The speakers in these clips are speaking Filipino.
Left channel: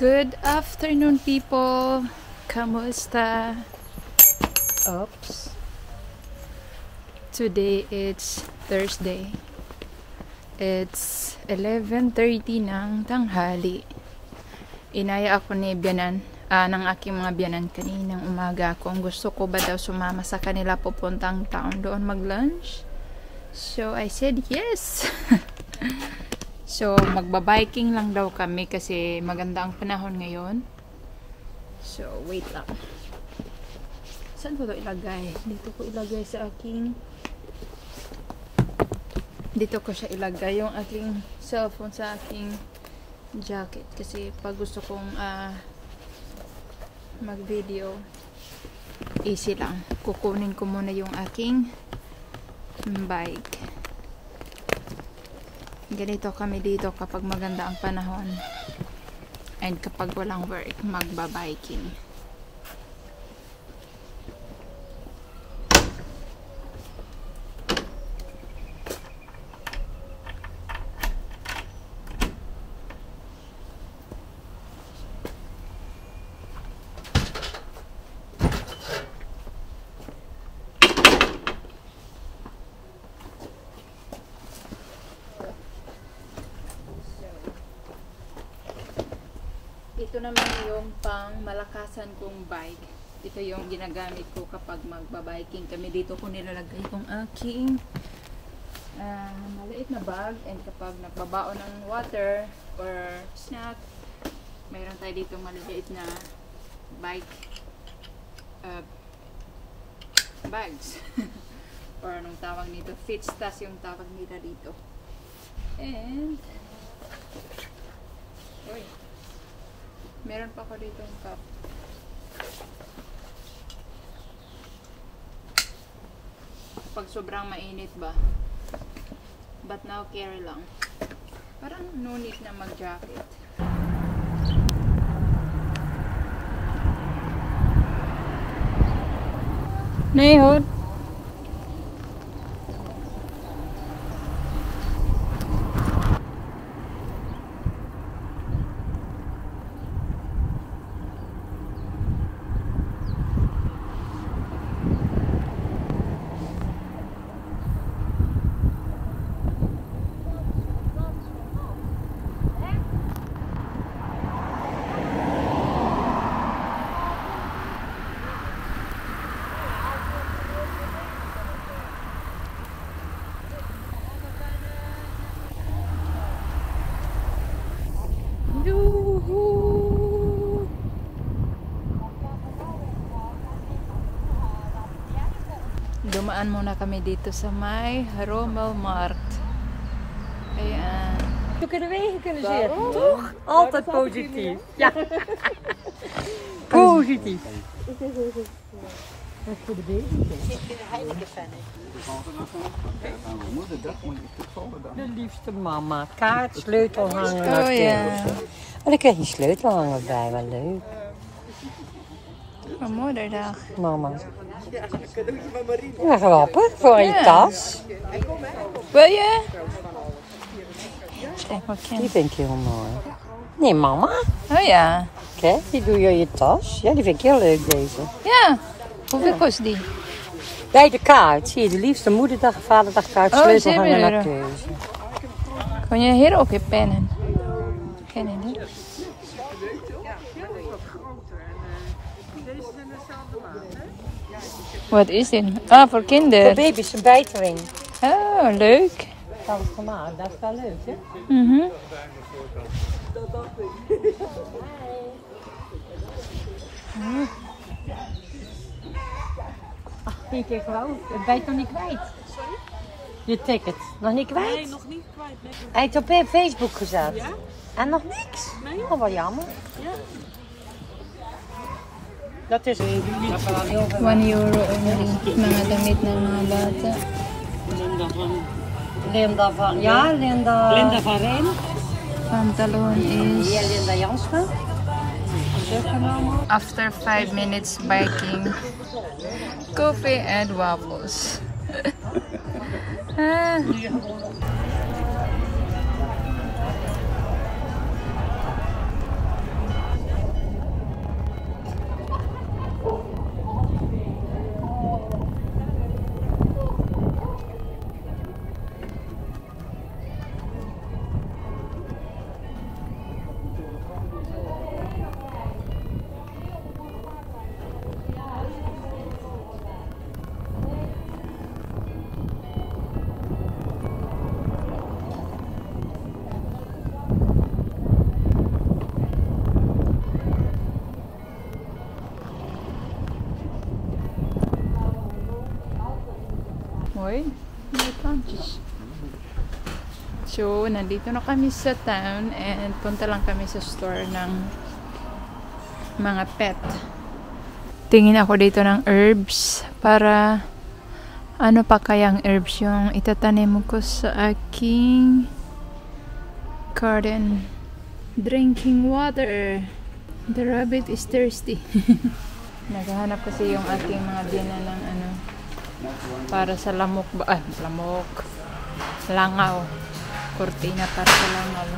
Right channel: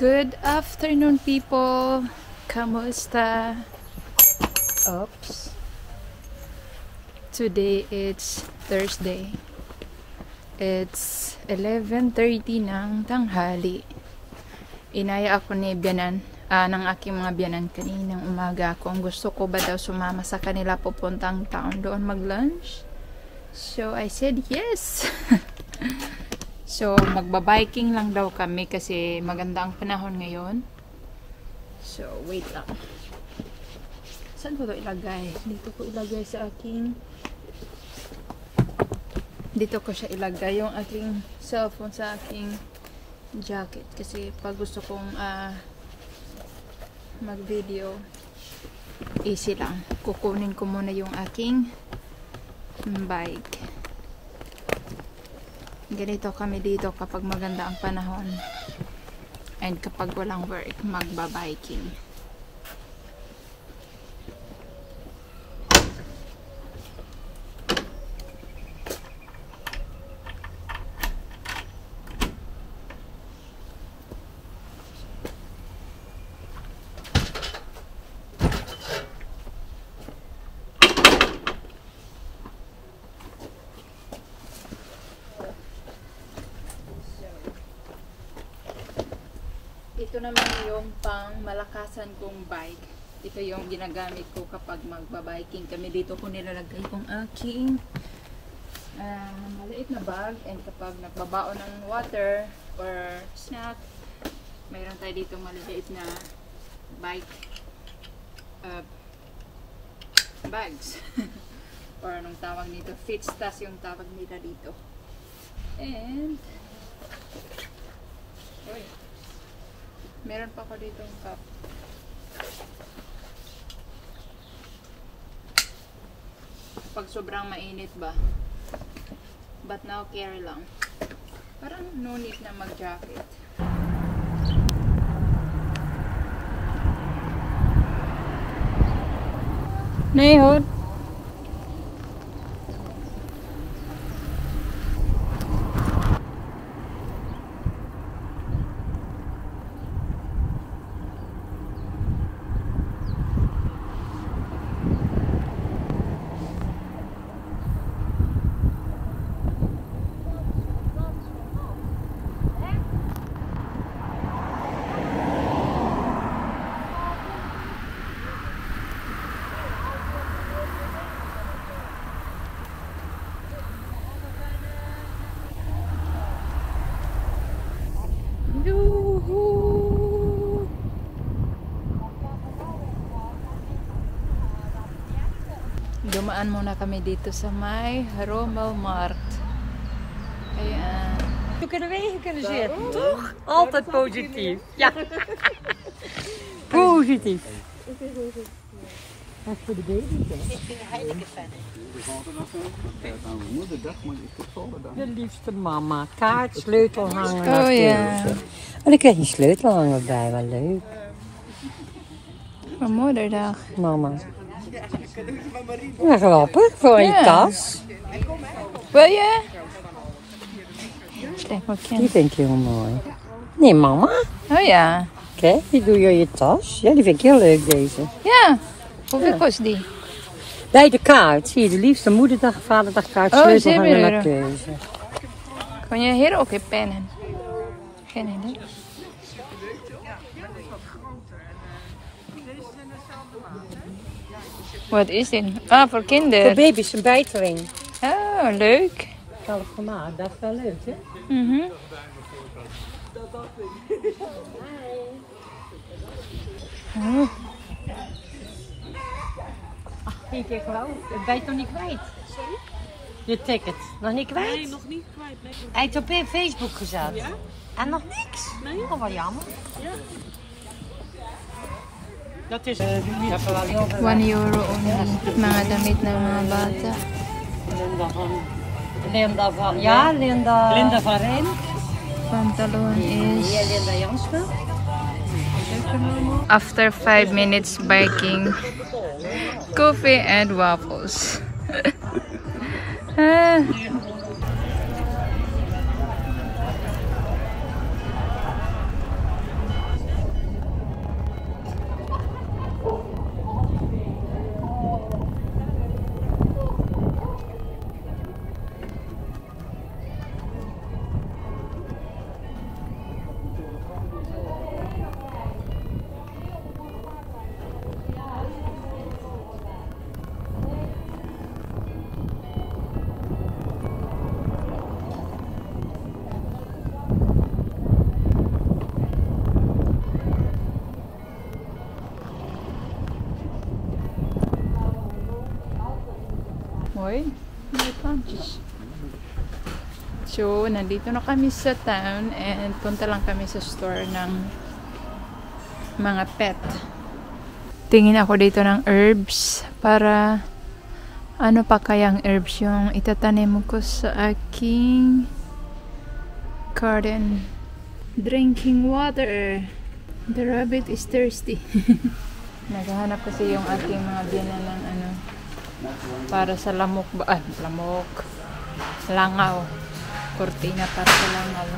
Good afternoon, people. Kamusta? Oops. Today it's Thursday. It's 11:30 ng tanghali. Inaya ako ni Bianan, ng aking mga biyanan kaninang umaga kung gusto ko ba daw sumama sa kanila pupuntang town doon mag-lunch. So I said yes. So magbabiking lang daw kami kasi maganda ang panahon ngayon. So wait lang. Saan ko ito ilagay? Dito ko ilagay sa aking... Dito ko siya ilagay yung aking cellphone sa aking jacket. Kasi pag gusto kong mag-video, easy lang. Kukunin ko muna yung aking bike. Ganito kami dito kapag maganda ang panahon. And kapag walang work, magbabiking. Ito naman yung pang malakasan kong bike. Ito yung ginagamit ko kapag magbabiking kami. Dito ko nilalagay kong aking maliit na bag. And kapag nagbabao ng water or snack, mayroon tayo dito maliit na bike bags. Or anong tawag nito? Fitstas yung tawag nila dito. And meron pa ko dito yung cup. Pag sobrang mainit ba? But now carry lang. Parang no need na mag-jacket. Nehod. Dumaan muna kami dito sa may Rommel Markt. Ayan. We kunnen reageren, toch? Altijd positief. Ja. Positief. Dat is voor de baby. De liefste mama. Kaart, sleutelhanger. Oh ja. En dan krijg je een sleutelhanger bij, wel leuk. Voor moederdag. Mama. Ja, grappig, voor je tas. Wil je? Steek maar kind. Die vind ik heel mooi. Nee, mama. Oh ja. Kijk, die doe je in je tas. Ja, die vind ik heel leuk, deze. Ja. Hoeveel kost die? Bij de kaart, zie je, de liefste moederdag, vaderdag kaart, Oh, sleutelhanger €7. naar keuze. Kan je hier ook in pennen? Geen idee. Wat is dit? Ah, voor kinderen. Voor baby's een bijtering. Oh, leuk. Zelf gemaakt, dat is wel leuk, hè? Mhm. Oh. Ach, kijk even over. Het bijt nog niet kwijt. Je ticket. Nog niet kwijt? Nee, nog niet kwijt. Hij heeft op Facebook gezet. Ja? En nog niks? Nee. Oh, wel jammer. Ja. Dat is... Dat is wel heel veel. €1 only. Mga damit ng mga bata. Linda van... Ja, Linda... Linda van Rijn. Pantalon is... Hier Linda Jansen. After 5 minutes biking, coffee and waffles. So, nandito na kami sa town and punta lang kami sa store ng mga pet. Tingin ako dito ng herbs para ano pa kayang herbs yung itatanim ko sa aking garden. Drinking water. The rabbit is thirsty. Naghahanap kasi yung aking mga biyanan ng ano para sa lamok ba? Ay, lamok. Langaw. Cortina para sa langaw.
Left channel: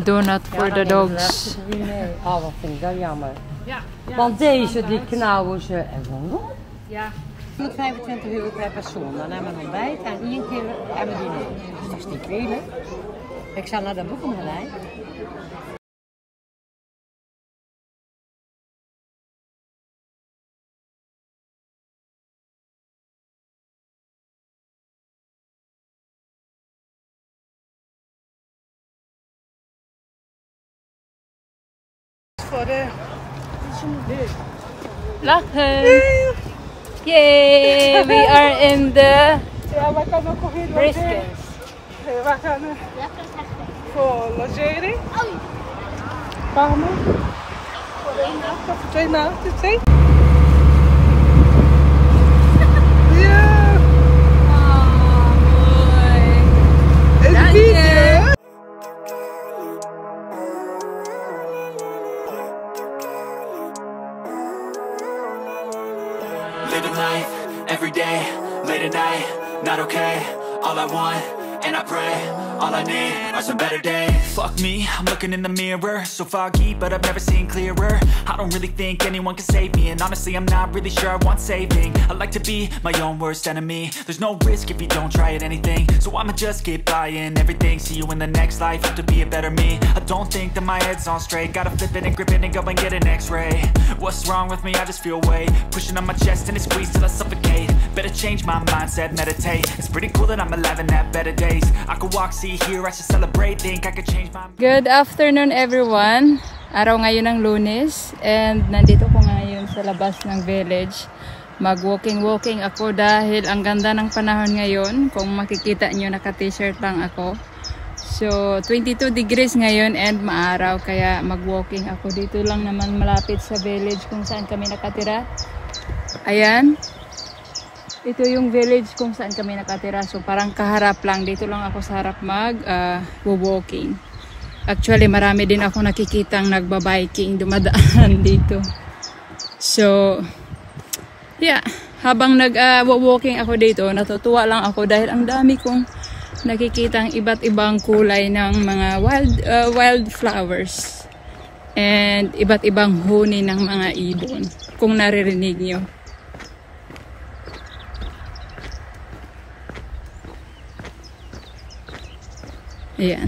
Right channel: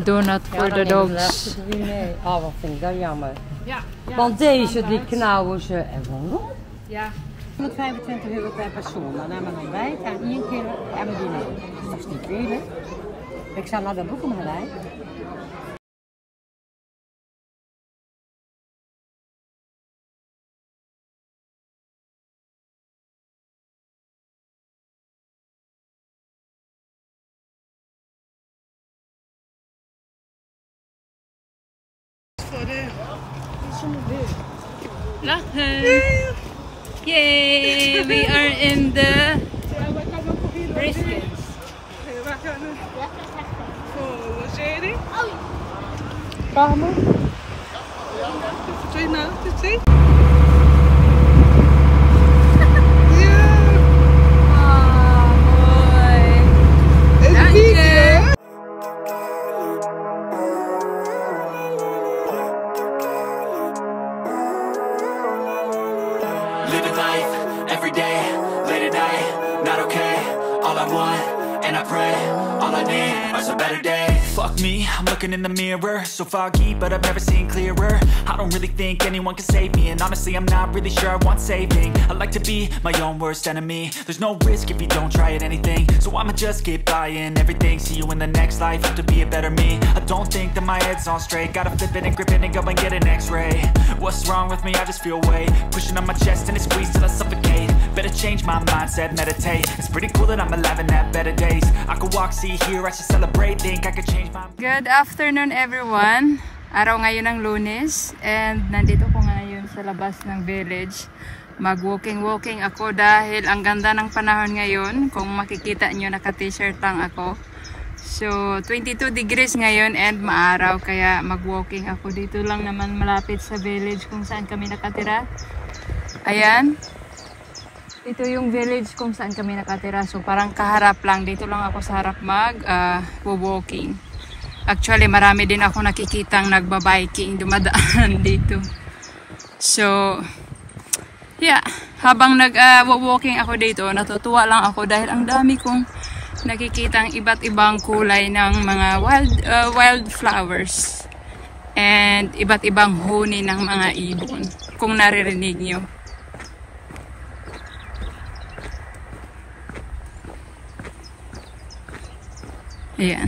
Donut for the dogs. Ja, wat vind ik dan jammer. Want deze, die knauwen ze en gewoon. Ja. 125 euro per persoon. Dan hebben we een ontbijt en 1 keer hebben we diner. Dat is niet veel, hè? Ik zal naar de boeken gelijk. Lachen! Yay! We are in the Briskens. We gaan voor logeren. Kamer. 2 nachten, 2. Living life, every day, late at night, not okay. All I want, and I pray, all I need are some better days. Fuck me, I'm looking in the mirror, so foggy, but I've never seen clearer. I don't really think anyone can save me, and honestly I'm not really sure I want saving. I like to be my own worst enemy. There's no risk if you don't try at anything, so I'ma just keep buying everything. See you in the next life, have to be a better me. I don't think that my head's on straight, gotta flip it and grip it and go and get an x-ray. What's wrong with me? I just feel weight pushing on my chest and it squeezes till I suffocate. Better change my mindset, meditate. It's pretty cool that I'm alive and have better days. I could walk, see, hear, I should celebrate. Think I could change my... Good afternoon everyone. Araw ngayon ng Lunes and nandito ko ngayon sa labas ng village. Mag-walking ako dahil ang ganda ng panahon ngayon. Kung makikita nyo, naka-t-shirt lang ako. So 22 degrees ngayon and maaraw kaya mag-walking ako. Dito lang naman malapit sa village kung saan kami nakatira. Ayan. Ito yung village kung saan kami nakatira. So parang kaharap lang. Dito lang ako sa harap mag-walking. Actually marami din ako nakikitang nagba-biking dumadaan dito. So yeah, habang nag-walking ako dito, natutuwa lang ako dahil ang dami kong nakikitang iba't ibang kulay ng mga wild flowers and iba't ibang huni ng mga ibon kung naririnig nyo. Ayan.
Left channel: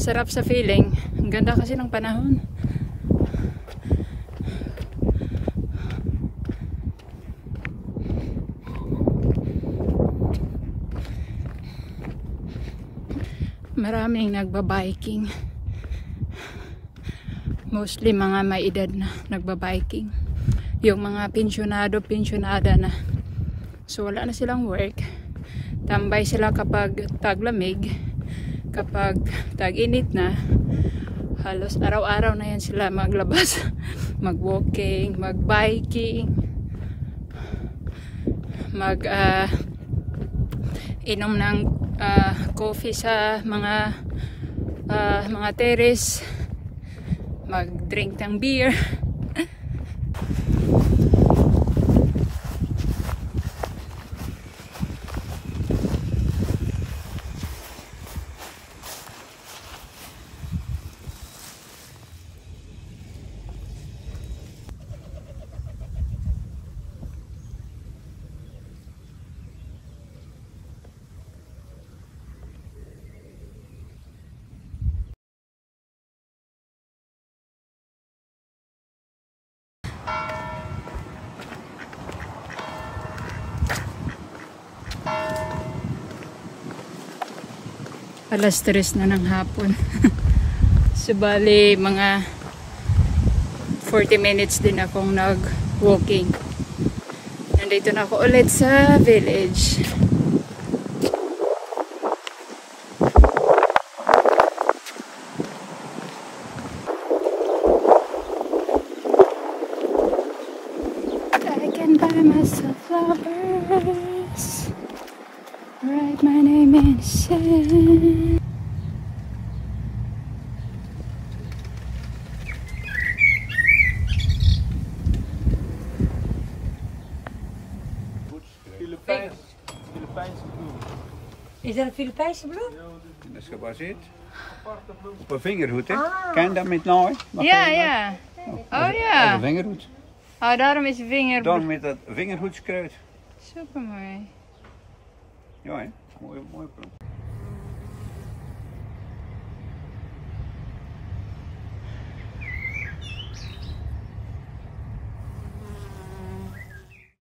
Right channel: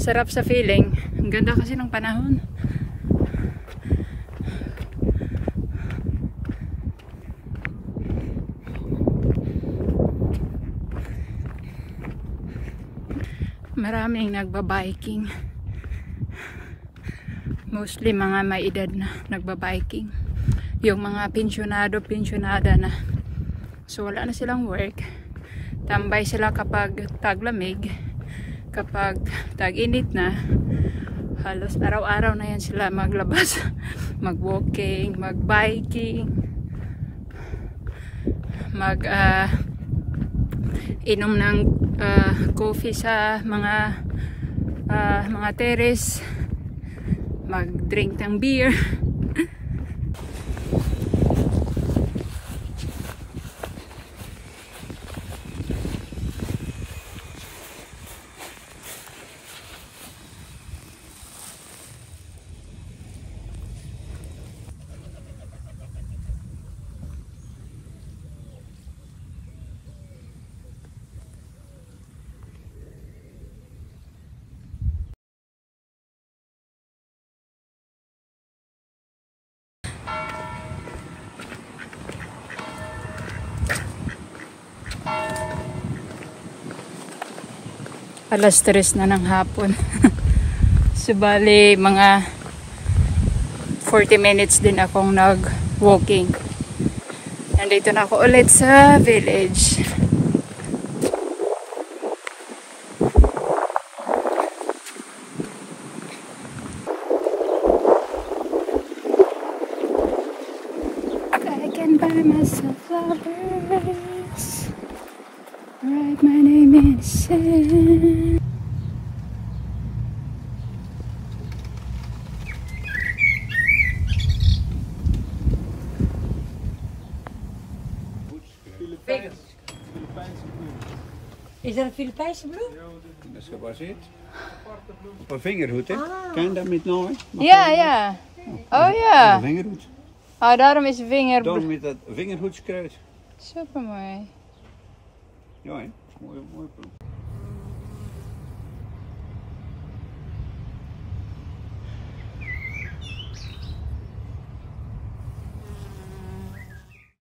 Sarap sa feeling. Ang ganda kasi ng panahon. Maraming nagba-biking. Mostly mga may edad na nagba-biking. Yung mga pensyonada na. So wala na silang work. Tambay sila kapag taglamig. Kapag tag-init na, halos araw-araw na yan sila maglabas, mag-walking, mag-biking, inom ng coffee sa mga terrace, mag-drink ng beer. Alas 3 na ng hapon. So, bali, mga 40 minutes din akong nag-walking. Nandito na ako ulit sa village. I can buy myself flowers. Write my name in sand. Is dat een Filipijnse bloem? Dat is gebaseerd op een vingerhoed, hè? Ken je dat met nou? Ja, ja. Oh Een ja. vingerhoed. Oh, daarom is vinger. Dan met dat vingerhoedskruid. Super mooi. Ja, hè? Mooi, mooi plan.